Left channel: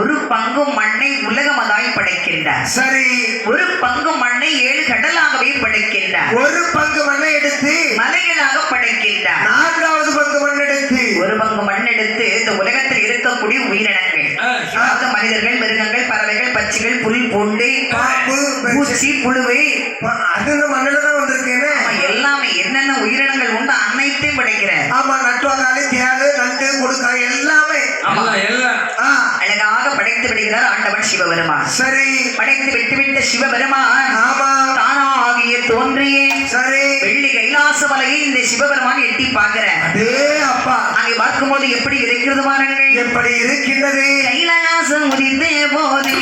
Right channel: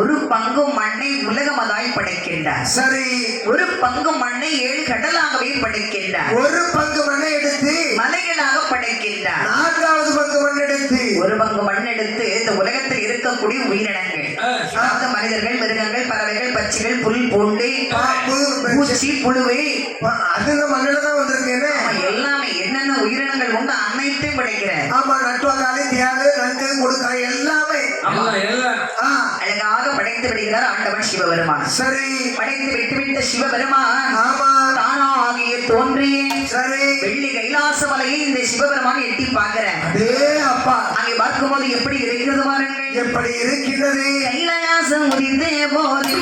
ஒரு பங்கு மண்ணை உலகமதாய் படைக்கின்றார். சரி. ஒரு பங்கு மண்ணை 7 கடலாகவே படைக்கின்றார். ஒரு பங்கு மண்ணை எடுத்து மலைகளாக படைக்கின்றார். 4வது பங்கு மண் எடுத்து ஒரு பங்கு மண் எடுத்து இந்த உலகத்தில் இருக்கக்கூடிய உயிரினங்கள், மனிதர்கள், மிருகங்கள், பறவைகள், பட்சிகள், புல், பூண்டு, பூச்சி, புழுவை, அது மண்ணில தான் வந்திருக்கேன்னு எல்லாமே என்னென்ன உயிரினங்கள் உண்டு அனைத்தையும் படைக்கிறேன். ஆமா, நட்டுவாங்க, தேடு, நண்டு, கொடுக்க எல்லாமே அழகாக படைத்து விடுகிறார் ஆண்டவன் சிவபெருமான். சரி. படைத்து விட்டுவிட்ட சிவபெருமான் தானாகிய தோன்றியே சரி வெள்ளி கைலாச மலையை இந்த சிவபெருமான் எட்டி பார்க்கிறேன். அப்பா அங்கே பார்க்கும்போது எப்படி இருக்கிறது பாருங்கள், எப்படி இருக்கின்றது. கைலாசம் உதித்த போது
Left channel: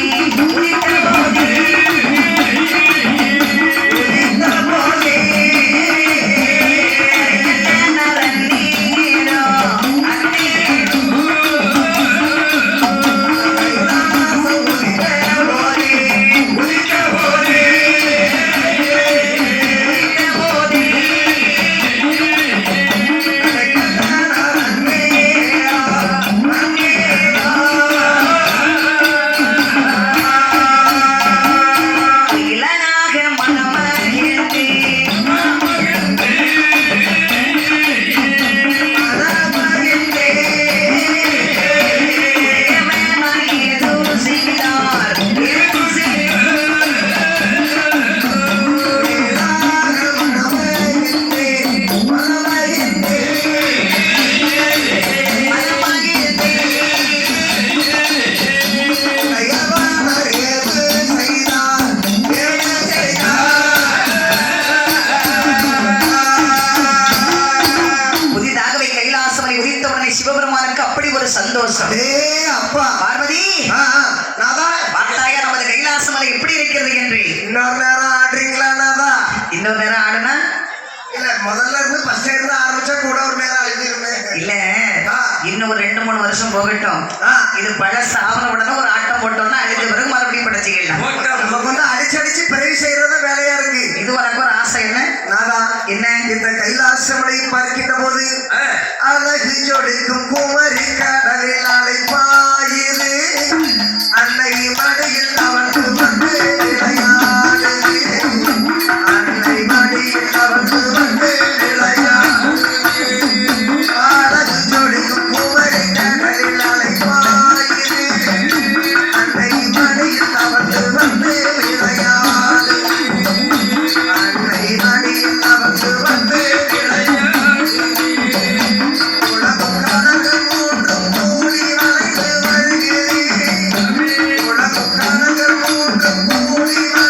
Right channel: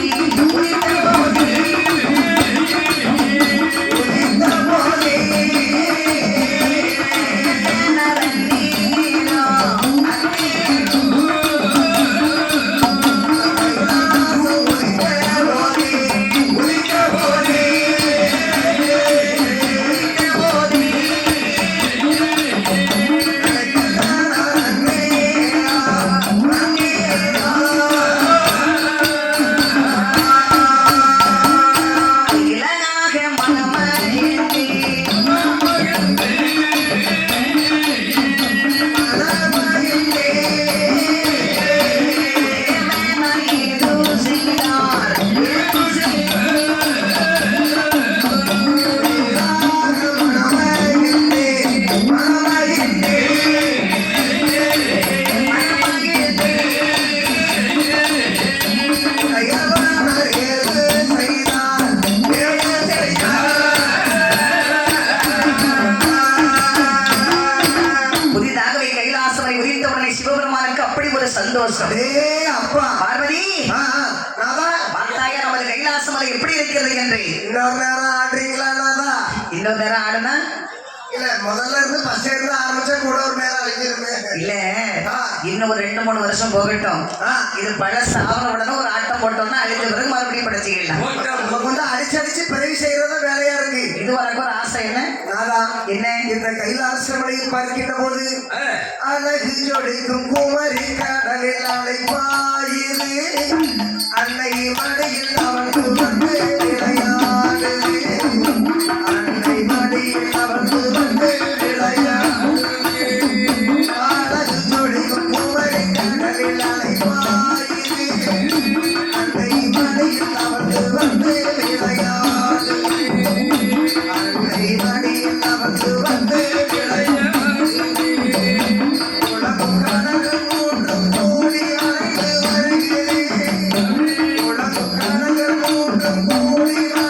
உதித்த போது சந்தோஷம். அப்பா பார்வதி, பார்த்தாயா நமது கைலாச மலை எப்படி இருக்கிறது என்று? இன்னொரு நேரம் ஆடுறீங்களா? இன்னொரு நேரம் ஆடுனா இல்ல, முதல்ல இருந்து ஃபர்ஸ்ட் இருந்து ஆரம்பிச்சா கூட ஒரு நேரம் அழிஞ்சிருமே. இல்ல, இன்னும் ஒரு 2-3 வருஷம் போகட்டும். இது பழ சாவன உடனே ஒரு ஆட்டம் போட்டோம்னா அழிஞ்ச பிறகு மறுபடியும் படைச்சிக்கலாம். நமக்கு வந்து அடிச்சடிச்சு பிறகு செய்யறத வேலையா இருக்கு. இது வரைக்கும் ஒரு ஆசை என்ன என்ன இந்த கைலாச மலையை பார்க்கின்ற போது அழகு ஜொடிக்கும் குமரி கடலில் அழைப்பாயுது அன்னை மடியில் அவனுக்கு வந்து விளையாடுது, அன்னை மடியில் அவனுக்கு வந்து விளையாடுது, அழகு ஜொடிக்கும் குமரி கடலில் அழைப்பாயுது அன்னை மடியில் அவனுக்கு வந்து விளையாடுது, அன்னை மடியில் அவனுக்கு வந்து Hola,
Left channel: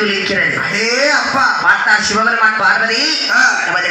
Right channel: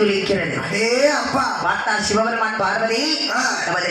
ஜொலிக்கிறது. அடே அப்பா பார்த்தா சிவபெருமான் பார்வதி ஆ. நமது